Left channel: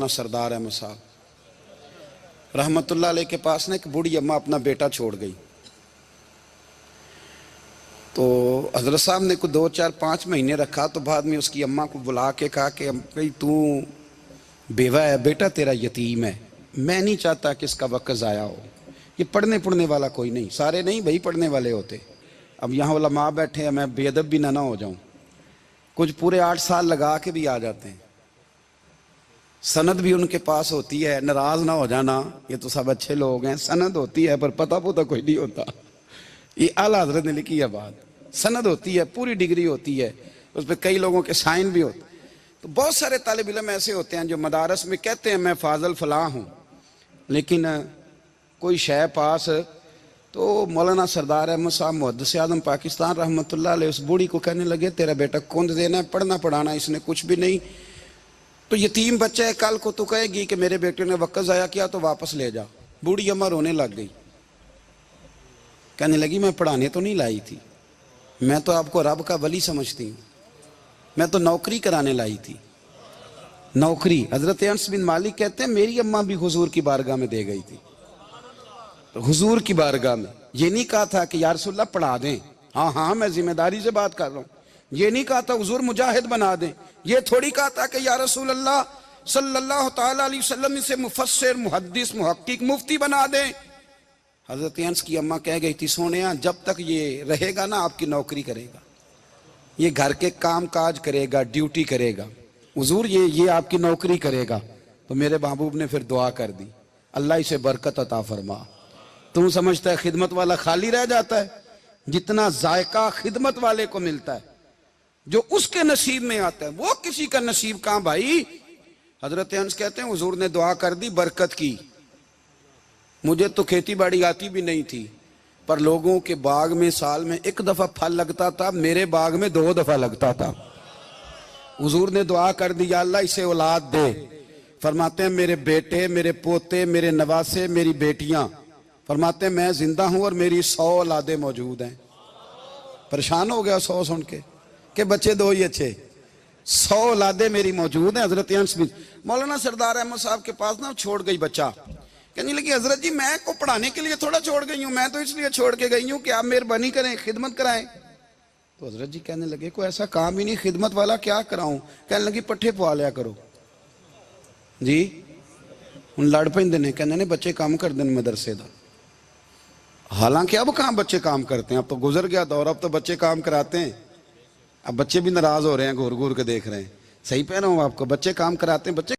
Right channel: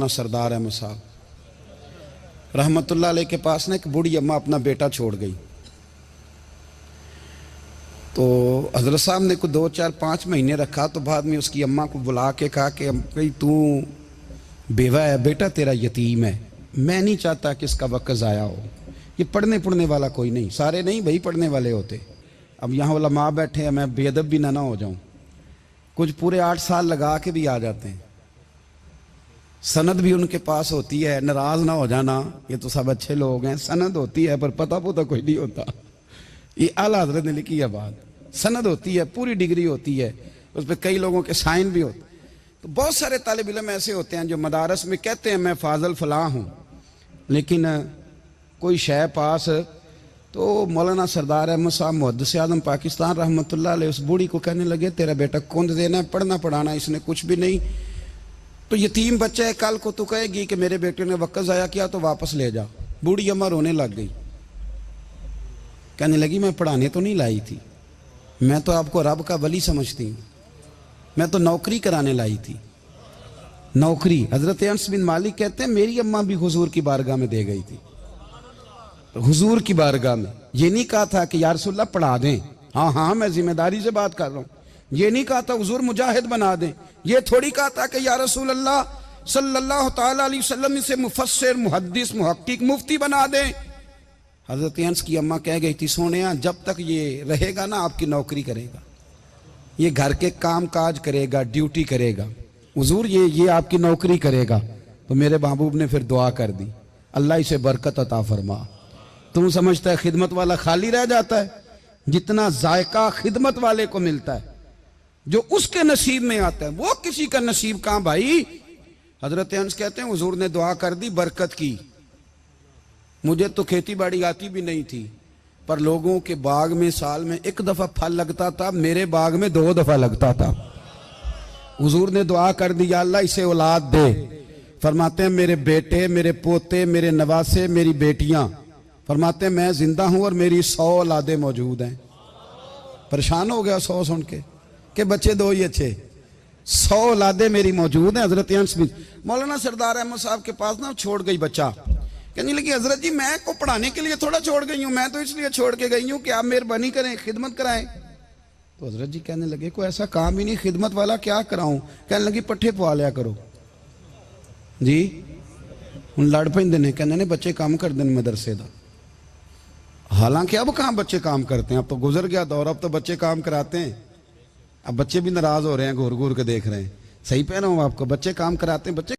सरदार अहमद साहब रहमतुल्लाह अलैह के पास ना एक बूढ़ी अम्मा अपना बेटा छोड़ गई। तो हजरत साहब ने को 2, 4, 5 महीने रखा। तो बाद में उसकी अम्मा को बुला के कहा कि भाई तू बेवा है, बेटा तेरा यतीम है, मैं नहीं चाहता कि इसका वक्त ज़ाया हो। ये पढ़ने वाला कोई नहीं, सारे नहीं भाई पढ़ने वाले होते। अब यहाँ उलमा बैठे हैं, मैं बेअदब भी ना हो जाऊँ। कुछ पूरे 8 साल लगा के भी आ जाते हैं, सनद भी उनके पास होती है। नाराज ना हो जाना, ये तो सब अच्छे लोग हैं। सनद होती है पर पता कोई नहीं होता। ये आला हजरत ने लिखी है बात। सनद होती है, पूरी डिग्री होती है, उस पर कई लोगों के साइन भी होते। तो बहुत सारे तालिब इल्म ऐसे होते हैं जो मदारस में कहते हैं मैं फाजल फलां हूँ, लेकिन कोई शय पास। तो मौलाना सरदार अहमद साहब मुहद्दिस आज़म पाकिस्तान रहमतुल्लाह अलैह उस बूढ़ी को कहने लगे तेरा बेटा कुंद देना है, पढ़ना पढ़ाना इसने कुछ भी नहीं। तो यतीम बच्चा है, कल को तो कहेगी कि मेरे बेटे ने वक्त ज़ाया किया तो वापस ले जा। बूढ़ी अम्मा रोने लग गई, कहने लगी मैं पढ़ाने तो नहीं लाई थी, मैं तो आपको रब का वली समझती हूँ, मैं तो नौकरी कराने लाई थी। नौकरी हजरत अनस बिन मालिक कहते हैं मेरी अम्मा भी हुजूर की बारगाह में दे गई थी। हुजूर की बारगाह में ये नहीं कहा था कि या रसूलल्लाह पढ़ा दें, हाँ हाँ मैं जिम्मेदारी से बात कर रहा हूँ। ये नहीं कहा था हुजूर मुजाहिद बना दें, ये थोड़ी कहा था कि या रसूल अल्लाह सल्लल्लाहु ताला अलैहि वसल्लम से मुफस्सिर मुहद्दिस मुहक्किक मुफ्ती बना दें। हजरत अनस की अम्मा कह गई थी सोनिया जब तक ये रहेगा ना आपकी नौकरी करेगा, ये घर के काम काज करेगा, ड्यूटी करेगा, हुजूर ये आपकी नौकरी करेगा। तो मेरे महबूब ने फिर दुआ कर दी, अल्लाह इसे बरकत अता फरमा। तुम समझता है खिदमत वाला खाली रह जाता है? जितना जायका खिदमत वाले को मिलता है, जो उसके नसीब में आता है, वो किसी का नसीब कहां भाई। हजरत अनस कहते हैं हुजूर ने दुआ कर दी, बरकत की। मुझे तो खेती बाड़ी आती भी नहीं थी, पर लोगों के बाग में साल में 1 दफा फल लगता था, मेरे बाग में 2 दफा लगता था। हुजूर ने दुआ कर दी अल्लाह इसे औलाद दे। फरमाते हैं मेरे बेटे, मेरे पोते, मेरे नवासे, मेरी बेटियां, फरमाते हैं मैं जिंदा हूं और मेरी 100 औलादें मौजूद हैं। परेशान हो गया 100 सुन के बच्चे 2 ही अच्छे, 100 औलादें मेरी मौजूद हैं। हजरत अनस बिन मौलाना सरदार अहमद साहब के पास ना छोड़ गई बच्चा, कहने लगी हजरत जी मैं को पढ़ाने के लिए थोड़ा छोड़ गई हूँ, मैं तो इसलिए छोड़ के गई हूँ कि आप मेहरबानी करें खिदमत कराएं। तो हजरत जी कहने लगे कोई ऐसा काम ही नहीं, खिदमत वाला क्या कराऊं। कहने लगी पट्ठे पवा लिया करो जी। हूँ लड़ पेंदे ने, कहने ने बच्चे काम कर दें मदरसे का। हालांकि अब कहाँ बच्चे काम करते हैं, अब तो गुजर गया दौर, अब तो बच्चे काम कराते हैं। अब बच्चे भी नाराज हो रहे हैं, घूर घूर के देख रहे हैं। सही पहना हूँ आपको, बच्चे काम कराते हैं। बच्चे